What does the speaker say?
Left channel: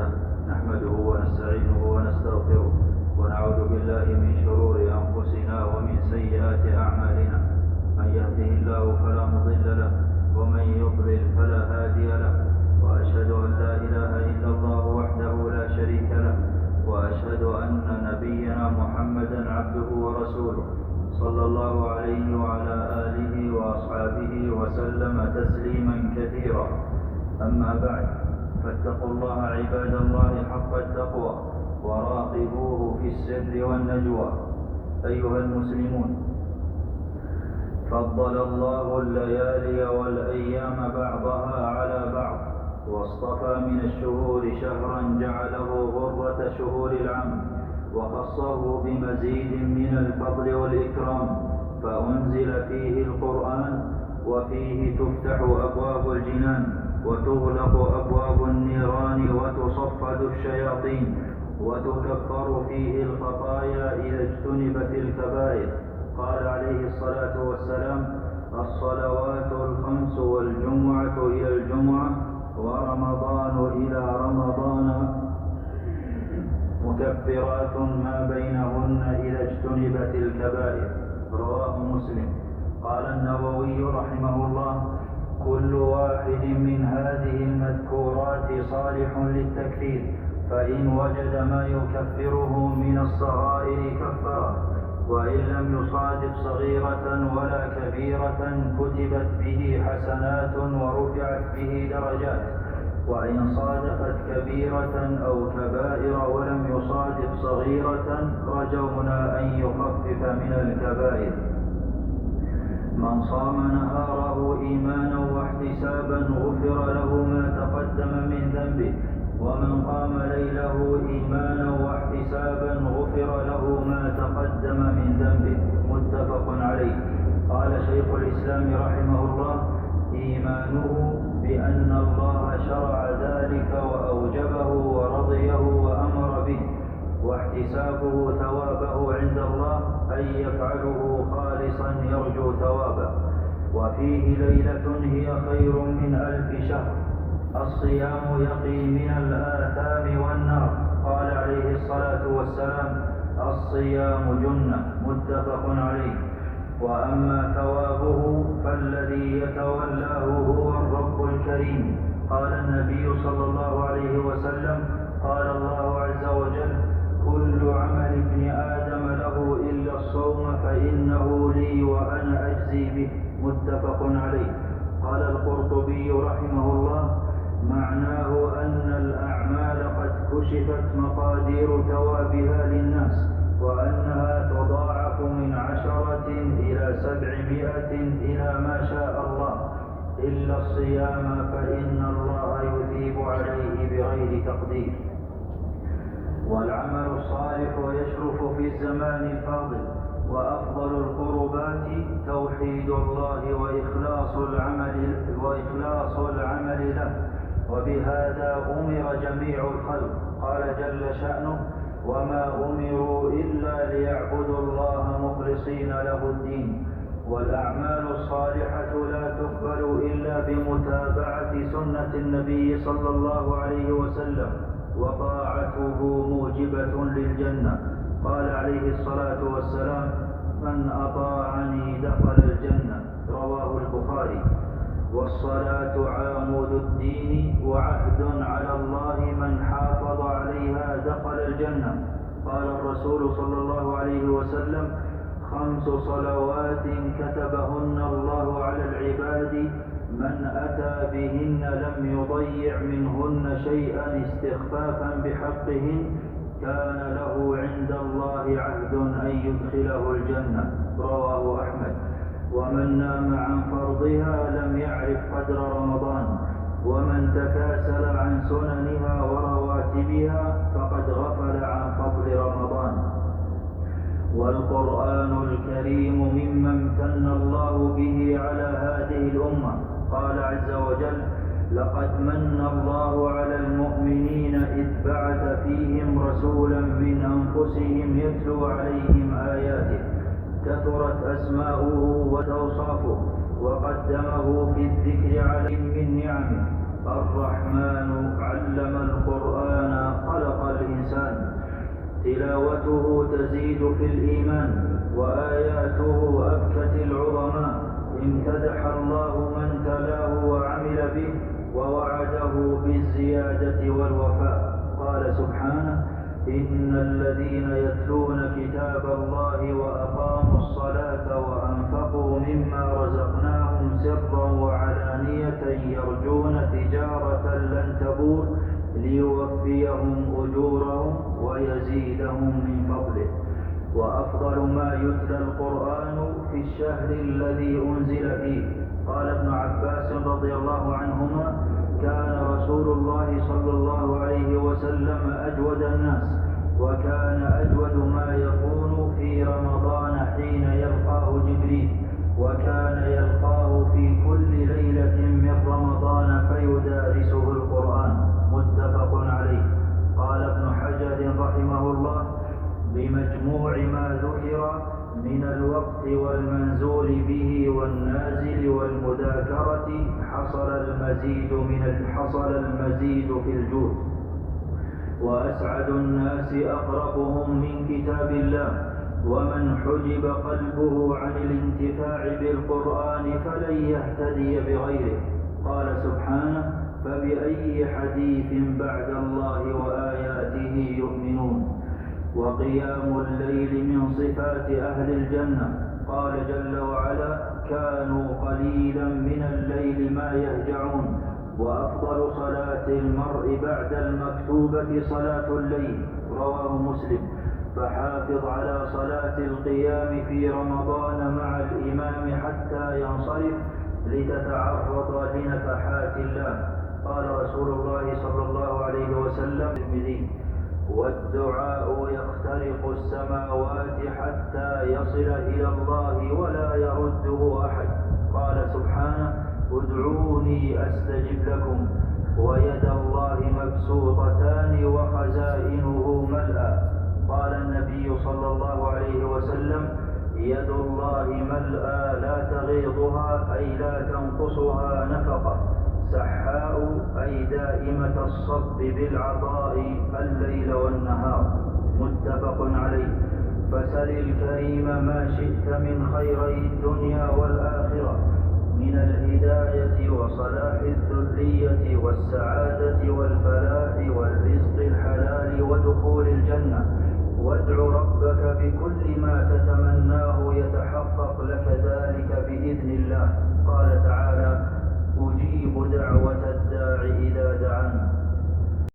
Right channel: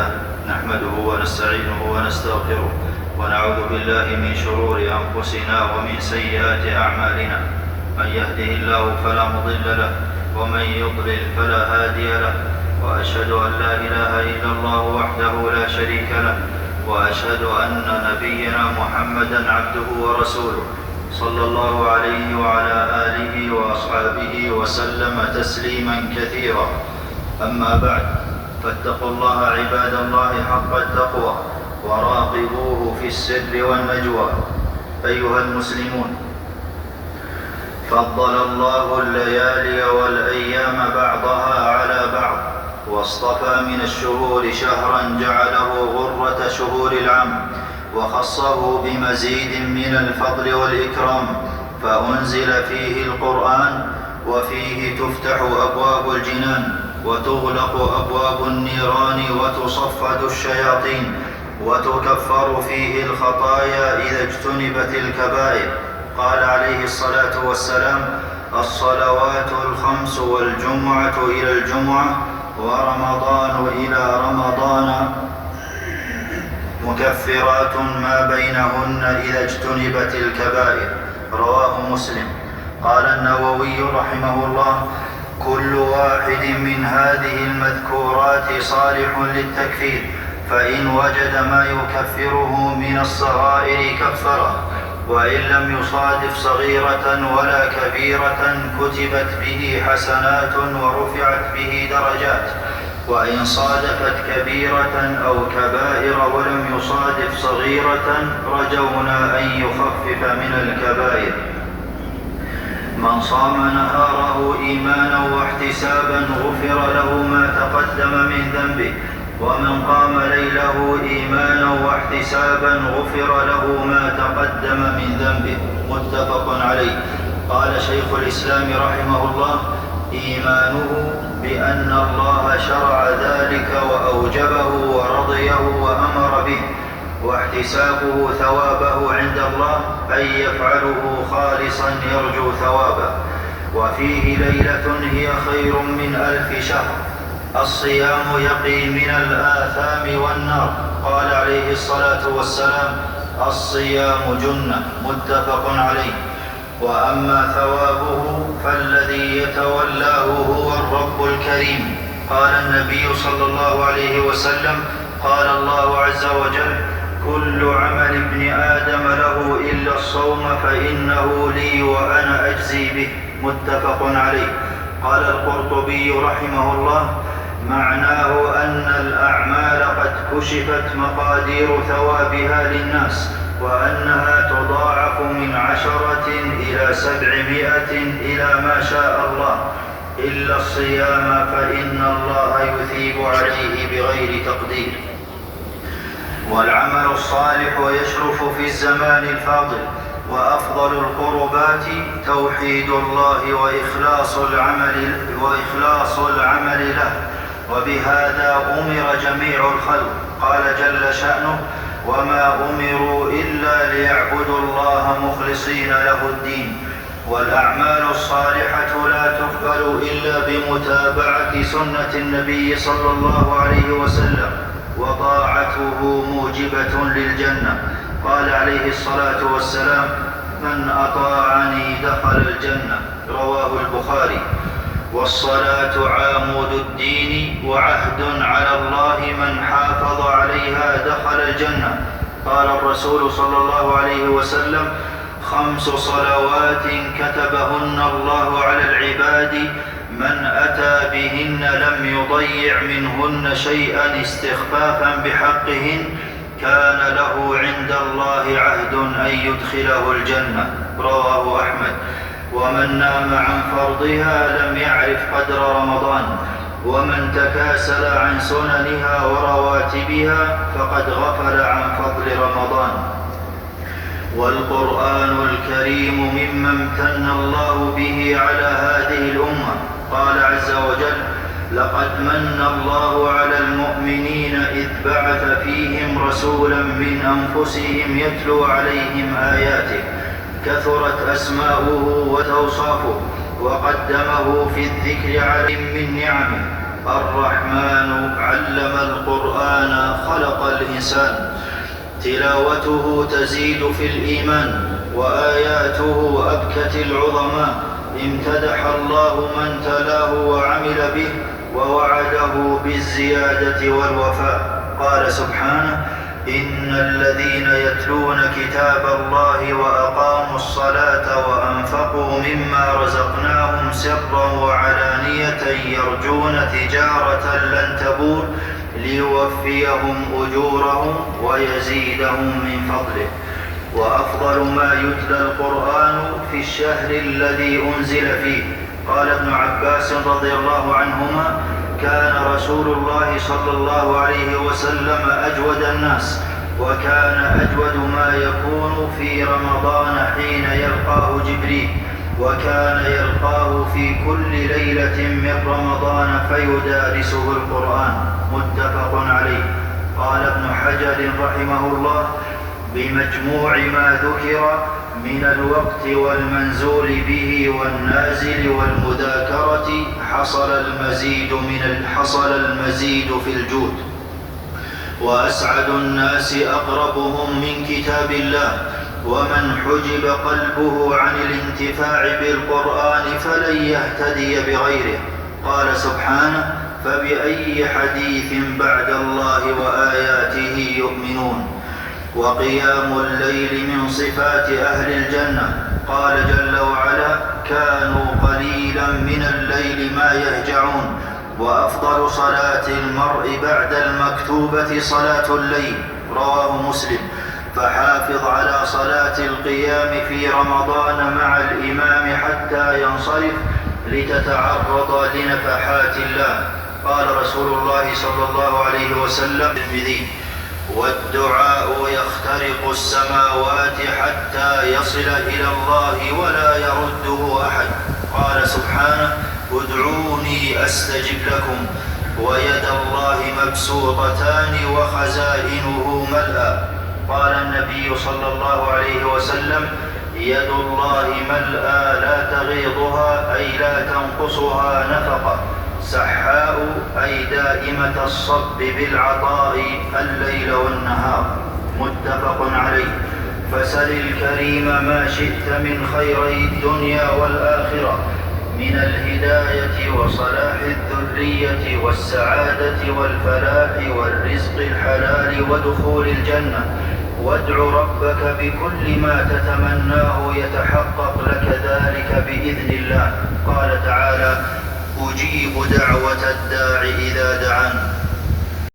لله نحمده ونستعينه ونستغفره ونعوذ بالله من شرور أنفسنا ومن سيئات أعمالنا. من يهده الله فلا مضل له ومن يضلل فلا هادي له، وأشهد أن لا إله إلا الله وحده لا شريك له، وأشهد أن نبينا محمدا عبده ورسوله صلى الله عليه وعلى آله وأصحابه وسلم تسليما كثيرا. أما بعد، فاتقوا الله عباد الله حق التقوى وراقبوه في السر والنجوى. أيها المسلمون، فضل الله الليالي والأيام بعضها على بعض، واصطفى من الشهور شهرا جعله غرة شهور العام، وخصه بمزيد من الفضل والإكرام، فأنزل فيه القرآن، وفيه تفتح أبواب الجنان وتغلق أبواب النيران وتصفد الشياطين، وتكفر فيه الخطايا إذا اجتنبت الكبائر. قال عليه الصلاة والسلام: الصلوات الخمس والجمعة إلى الجمعة ورمضان إلى رمضان مكفرات ما بينهن إذا اجتنبت الكبائر. رواه مسلم. قال النووي رحمه الله: كل واحد من هذه المذكورات صالح للتكفير، فإن وجد ما يكفره من الصغائر كفره، وإن لم يصادف صغيرة ولا كبيرة كتبت به حسنات ورفعت به درجات، وإن صادفت كبيرة أو كبائر ولم يصادف صغيرة رجونا أن يخفف من الكبائر. من صام نهاره إيمانا واحتسابا غفر له ما تقدم من ذنبه، ومن قام ليله إيمانا واحتسابا غفر له ما تقدم من ذنبه. متفق عليه. قال شيخ الإسلام رحمه الله: إيمانه بأن الله شرع ذلك وأوجبه ورضيه وأمر به، واحتسابه ثوابه عند الله أن يفعله خالصا يرجو ثوابه. وفيه ليلة هي خير من 1000 شهر. الصيام يقي من الآثام والنار. قال عليه الصلاة والسلام: الصيام جنة. متفق عليه. وأما ثوابه فالذي يتولاه هو الرب الكريم. قال النبي صلى الله عليه وسلم: قال الله عز وجل: كل عمل ابن آدم له إلا الصوم فإنه لي وأنا أجزي به. متفق عليه. قال القرطبي رحمه الله: معناه أن الأعمال قد كشفت مقادير ثوابها للناس، وأنها تضاعف من 10 إلى 700 إلى ما شاء الله، إلا الصيام فإن الله يثيب عليه بغير تقدير. والعمل الصالح يشرف في الزمان الفاضل، وأفضل القربات توحيد الله وإخلاص العمل له، وبهذا أمر جميع الخلق. قال جل شأنه: وما أمروا إلا ليعبدوا الله مخلصين له الدين. والأعمال الصالحة لا تقبل إلا بمتابعة سنة النبي صلى الله عليه وسلم، وطاعته موجبة للجنة. قال عليه الصلاة والسلام: من أطاعني دخل الجنة. رواه البخاري. والصلاة عامود الدين وعهد على الله، من حافظ عليها دخل الجنة. قال الرسول صلى الله عليه وسلم: 5 صلوات كتبهن الله على العباد، من أتى بهن لم يضيع منهن شيئا استخفافا بحقهن كان له عند الله عهد أن يدخله الجنة. رواه أحمد. ومن نام عن فرضها لم يعرف قدر رمضان، ومن تكاسل عن سننها ورواتبها فقد غفل عن فضل رمضان. والقرآن الكريم مما امتن الله به على هذه الأمة. قال عز وجل: لقد من الله على المؤمنين إذ بعث فيهم رسولا من أنفسهم يتلو عليهم آياته، كثرت أسماؤه وتوصافه، وقدمه في الذكر عليهم من نعمه. الرحمن علم القرآن الإنسان. تلاوته تزيد في الإيمان، وآياته أبكت العظماء. امتدح الله من تلاه وعمل به، ووعده بالزيادة والوفاء. قال سبحانه: إن الذين يتلون كتاب الله وأقاموا الصلاة وأنفقوا مما رزقناهم سرا وعلانية يرجون تجارة لن تبور ليوفيهم أجورهم ويزيدهم من فضله. وأفضل ما يتلى القرآن في الشهر الذي أنزل فيه. قال ابن عباس رضي الله عنهما: كان رسول الله صلى الله عليه وسلم أجود الناس، وكان أجود ما يكون في رمضان حين يلقاه جبريل، وكان يلقاه في كل ليلة من رمضان فيدارسه القرآن. متفق عليه. قال ابن حجر رحمه الله: بمجموع ما ذكر من الوقت والمنزول به والنازل والمذاكرة حصل المزيد في الجود. وأسعد الناس أقربهم من كتاب الله، ومن حجب قلبه عن الانتفاع بالقرآن فلن يهتدي بغيره. قال سبحانه: فبأي حديث بعد الله وآياته يؤمنون. وقيام الليل من صفات أهل الجنة. قال جل وعلا: كانوا قليلا من الليل ما يهجعون. وأفضل صلاة المرء بعد المكتوبة صلاة الليل. رواه مسلم. فحافظ على صلاة القيام في رمضان مع الإمام حتى ينصرف لتتعرض لنفحات الله. قال رسول الله صلى الله عليه وسلم: والدعاء يخترق السماوات حتى يصل إلى الله ولا يرده أحد. قال سبحانه: ادعوني أستجب لكم. ويد الله مبسوطتان وخزائنه ملأى. قال النبي صلى الله عليه وسلم: يد الله ملأى لا تغيضها أي لا تنقصها نفقة، سحاء أي دائمة الصب بالعطاء الليل والنهار. متفق عليه. فسل الكريم ما شئت من خيري الدنيا والآخرة، من الهداية وصلاح الذرية والسعادة والفلاح والرزق الحلال ودخول الجنة. وادع ربك بكل ما تتمناه يتحقق لك ذلك بإذن الله. قال تعالى: أجيب دعوة الداع إذا دعان.